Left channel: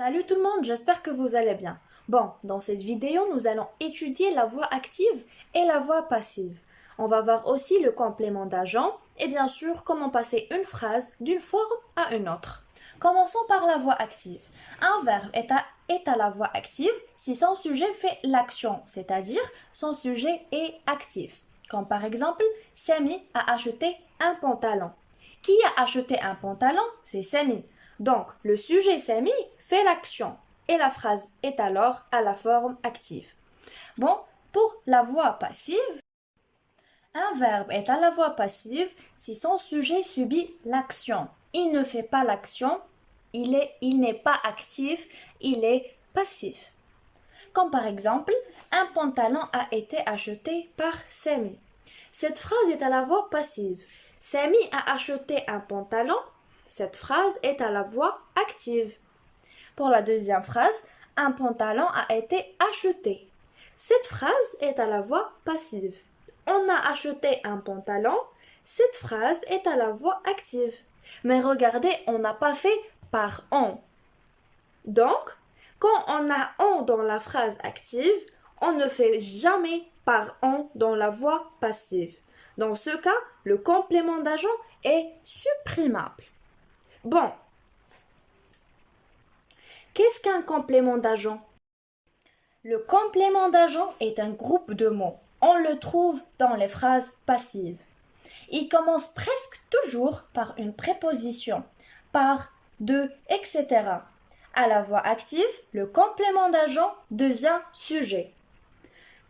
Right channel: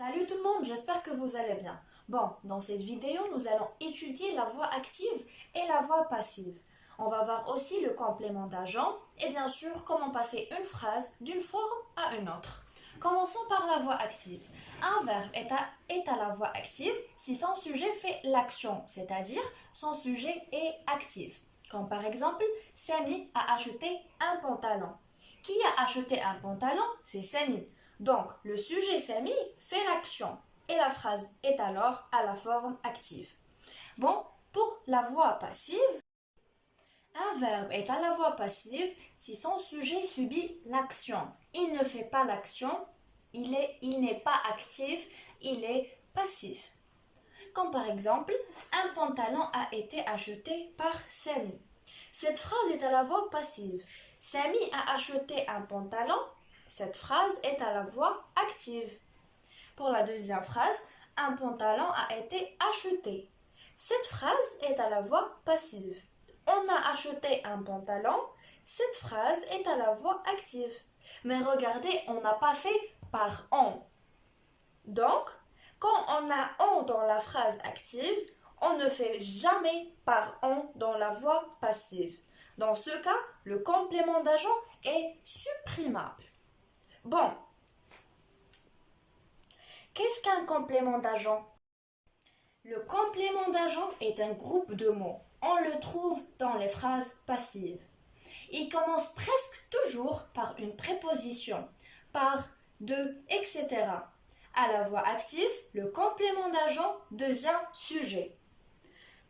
Salut tout le monde, j'espère que vous allez bien. Bon, dans cette vidéo, nous allons étudier la voix active et la voix passive. On va voir aussi le complément d'agent et bien sûr comment passer une phrase d'une forme à une autre. Commençons par la voix active. Un verbe est à la voix active si son sujet fait l'action, c'est-à-dire son sujet est actif. Comme par exemple, Samy a acheté un pantalon. Qui a acheté un pantalon? C'est Samy. Donc, le sujet Samy fait l'action et la phrase est alors à la forme active. Bon, pour la voix passive, un verbe est à la voix passive si son sujet subit l'action. Il ne fait pas l'action, il n'est pas actif, il est passif. Comme par exemple, un pantalon a été acheté par Samy. Cette phrase est à la voix passive. Samy a acheté un pantalon. Cette phrase est à la voix active. Pour la deuxième phrase, un pantalon a été acheté. Cette phrase est à la voix passive. On a acheté un pantalon. Cette phrase est à la voix active. Mais regardez, on n'a pas fait par on. Donc, quand on a on dans la phrase active, on ne fait jamais par on dans la voix passive. Dans ce cas, le complément d'agent est supprimable. Bon, qu'est-ce qu'un complément d'agent? Le complément d'agent est un groupe de mots. On le trouve dans les phrases passives. Il commence presque toujours par une préposition, par, de, etc. À la voix active, le complément d'agent devient sujet.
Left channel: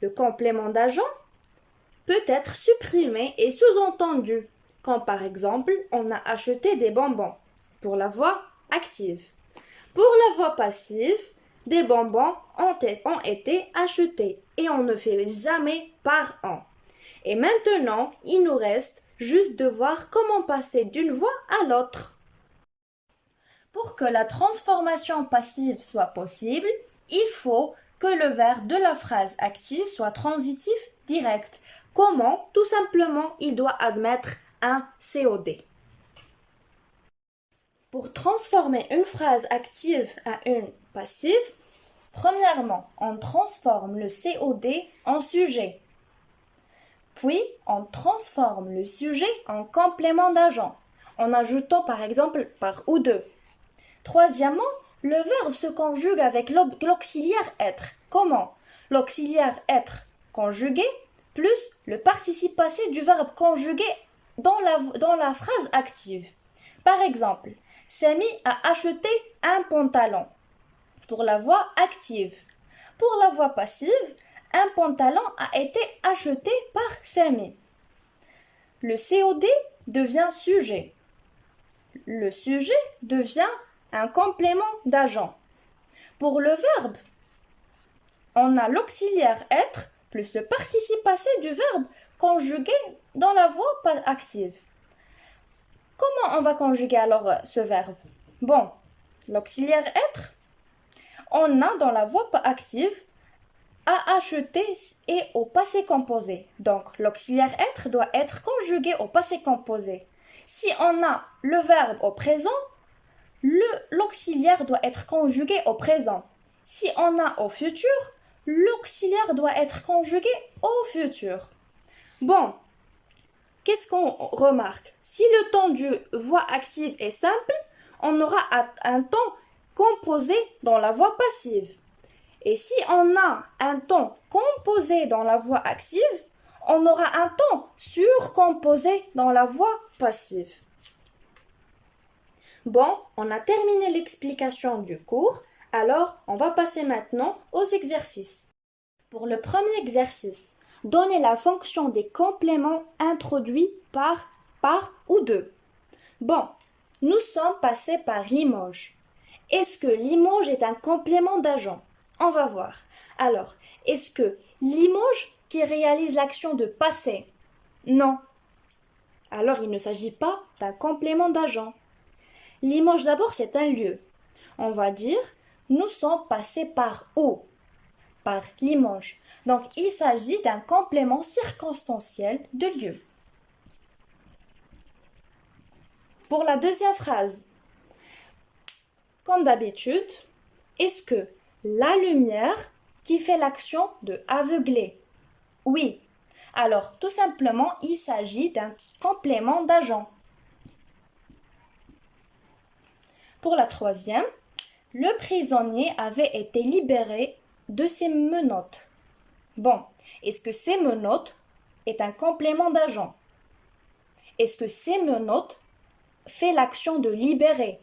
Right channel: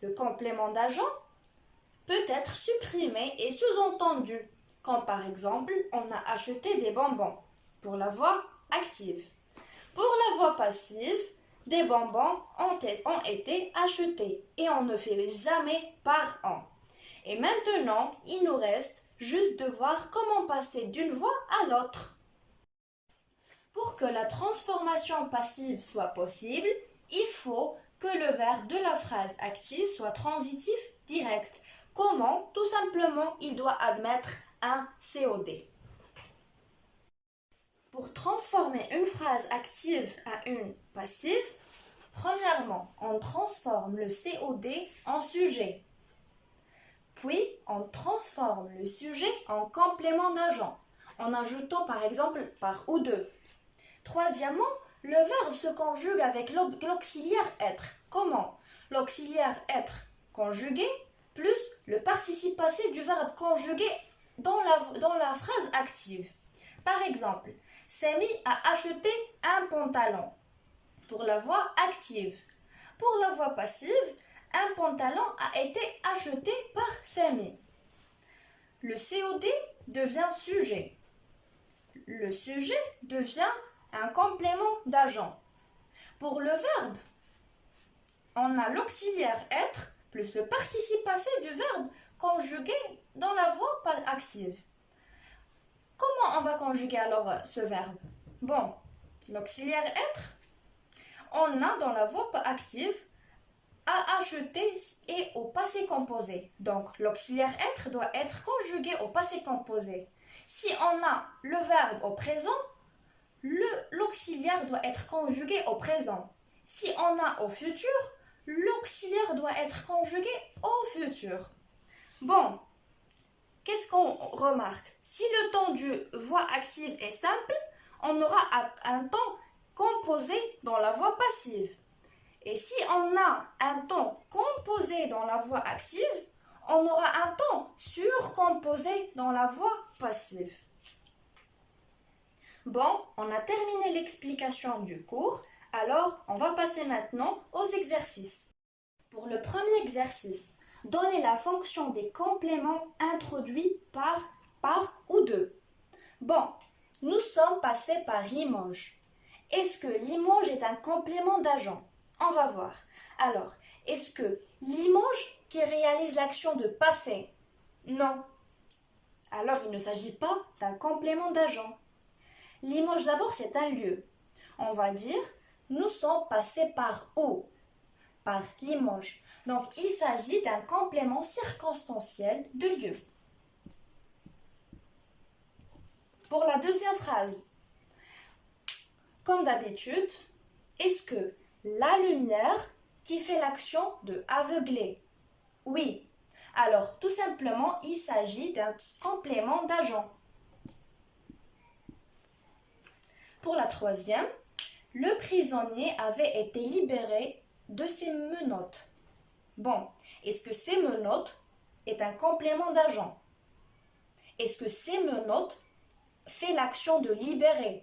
Le complément d'agent peut être supprimé et sous-entendu, comme par exemple, on a acheté des bonbons, pour la voix active. Pour la voix passive, des bonbons ont été achetés et on ne fait jamais par an. Et maintenant, il nous reste juste de voir comment passer d'une voix à l'autre. Pour que la transformation passive soit possible, il faut que le verbe de la phrase active soit transitif direct. Comment? Tout simplement, il doit admettre un COD. Pour transformer une phrase active à une passive, premièrement, on transforme le COD en sujet. Puis, on transforme le sujet en complément d'agent, en ajoutant par exemple par ou de. Troisièmement, le verbe se conjugue avec l'auxiliaire être. Comment? L'auxiliaire être conjugué plus le participe passé du verbe conjugué dans la phrase active. Par exemple, Samy a acheté un pantalon. Pour la voix active. Pour la voix passive, un pantalon a été acheté par Samy. Le COD devient sujet. Le sujet devient un complément d'agent. Pour le verbe, on a l'auxiliaire être plus le participe passé du verbe conjugué dans la voix active. Comment on va conjuguer alors ce verbe? Bon, l'auxiliaire être, on a dans la voix active a acheté et au passé composé. Donc, l'auxiliaire être doit être conjugué au passé composé. Si on a le verbe au présent, l'auxiliaire doit être conjugué au présent. Si on a au futur, l'auxiliaire doit être conjugué au futur. Bon, qu'est-ce qu'on remarque? Si le temps du voix active est simple, on aura un temps composé dans la voix passive. Et si on a un temps composé dans la voix active, on aura un temps surcomposé dans la voix passive. Bon, on a terminé l'explication du cours, alors on va passer maintenant aux exercices. Pour le premier exercice, donnez la fonction des compléments introduits par ou de. Bon, nous sommes passés par Limoges. Est-ce que Limoges est un complément d'agent? On va voir. Alors, est-ce que Limoges qui réalise l'action de passer? Non. Alors, il ne s'agit pas d'un complément d'agent. Limoges d'abord, c'est un lieu. On va dire, nous sommes passés par où? Par Limoges. Donc, il s'agit d'un complément circonstanciel de lieu. Pour la deuxième phrase, comme d'habitude, Est-ce que la lumière qui fait l'action de aveugler? Oui. Alors, tout simplement, il s'agit d'un complément d'agent. Pour la troisième, le prisonnier avait été libéré de ses menottes. Bon, est-ce que ces menottes est un complément d'agent? Est-ce que ces menottes fait l'action de libérer?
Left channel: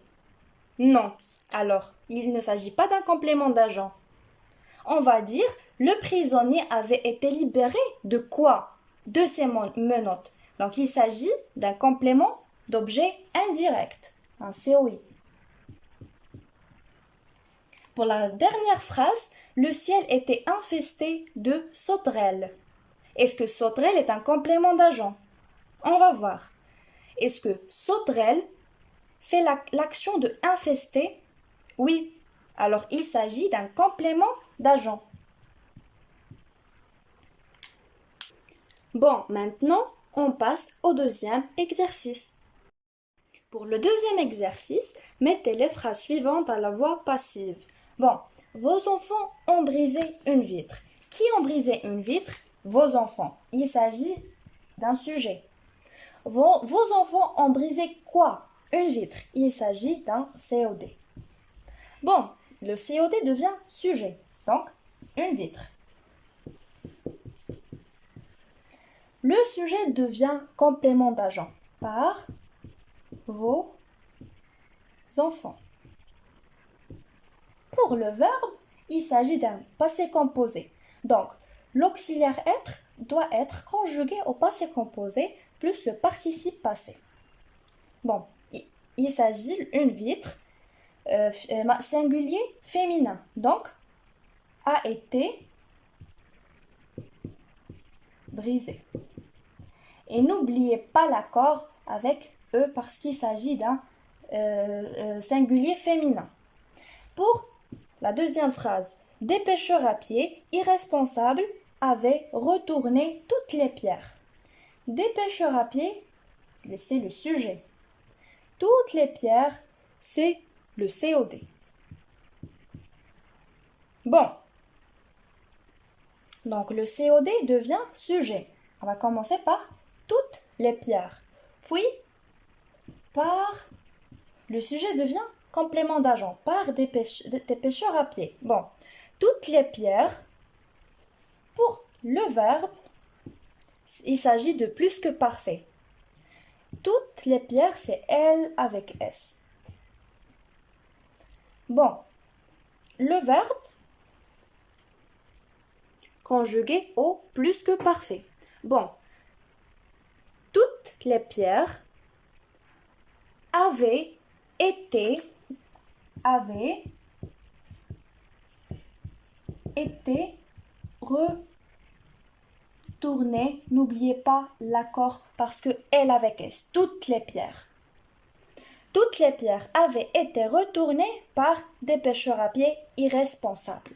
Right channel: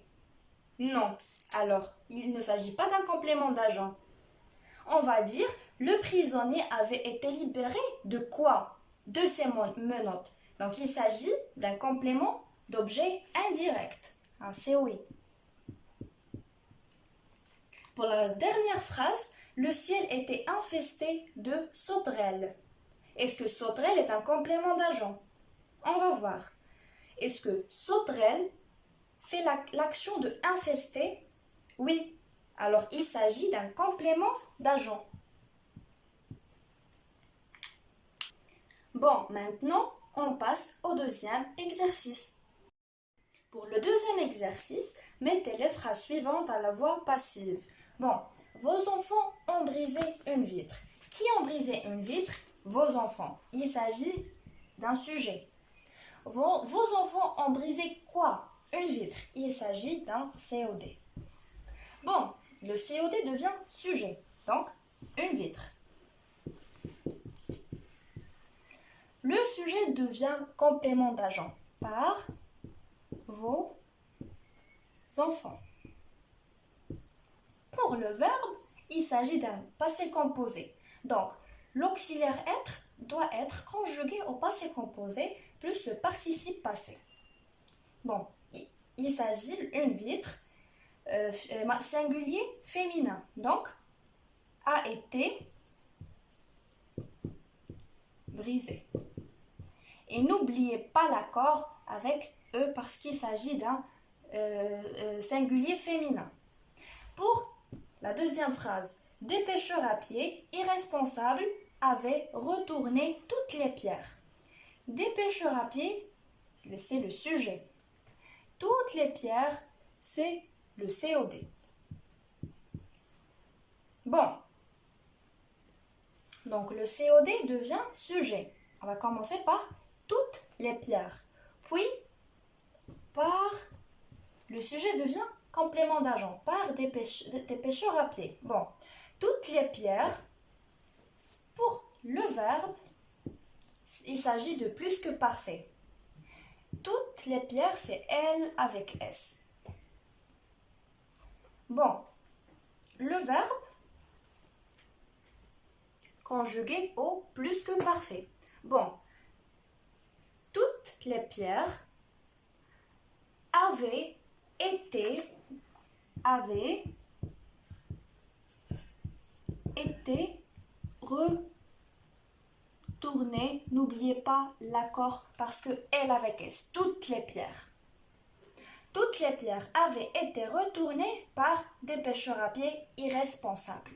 Non. Alors, il ne s'agit pas d'un complément d'agent. On va dire, le prisonnier avait été libéré de quoi? De ses menottes. Donc, il s'agit d'un complément d'objet indirect, un COI. Pour la dernière phrase, le ciel était infesté de sauterelles. Est-ce que sauterelle est un complément d'agent? On va voir. Est-ce que sauterelle fait l'action de infester? Oui. Alors, il s'agit d'un complément d'agent. Bon, maintenant, on passe au deuxième exercice. Pour le deuxième exercice, mettez les phrases suivantes à la voix passive. Bon, vos enfants ont brisé une vitre. Qui ont brisé une vitre? Vos enfants. Il s'agit d'un sujet. Vos enfants ont brisé quoi? Une vitre. Il s'agit d'un COD. Bon, le COD devient sujet. Donc, une vitre. Le sujet devient complément d'agent par vos enfants. Pour le verbe, il s'agit d'un passé composé. Donc, l'auxiliaire être doit être conjugué au passé composé plus le participe passé. Bon, il s'agit d'une vitre singulier féminin. Donc, a été brisé. Et n'oubliez pas l'accord avec E parce qu'il s'agit d'un singulier féminin. Pour la deuxième phrase, des pêcheurs à pied irresponsables avaient retourné toutes les pierres. Des pêcheurs à pied, c'est le sujet. Toutes les pierres, c'est le COD. Bon. Donc le COD devient sujet. On va commencer par toutes les pierres. Puis, par le sujet devient complément d'agent, par des pêcheurs à pied. Bon, toutes les pierres, pour le verbe, il s'agit de plus que parfait. Toutes les pierres, c'est L avec S. Bon, le verbe conjugué au plus que parfait. Bon, toutes les pierres avaient été retournées. N'oubliez pas l'accord parce que L avec S. Toutes les pierres. Toutes les pierres avaient été retournées par des pêcheurs à pied irresponsables.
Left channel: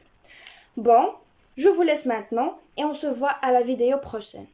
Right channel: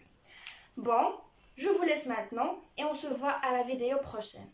Bon, je vous laisse maintenant et on se voit à la vidéo prochaine.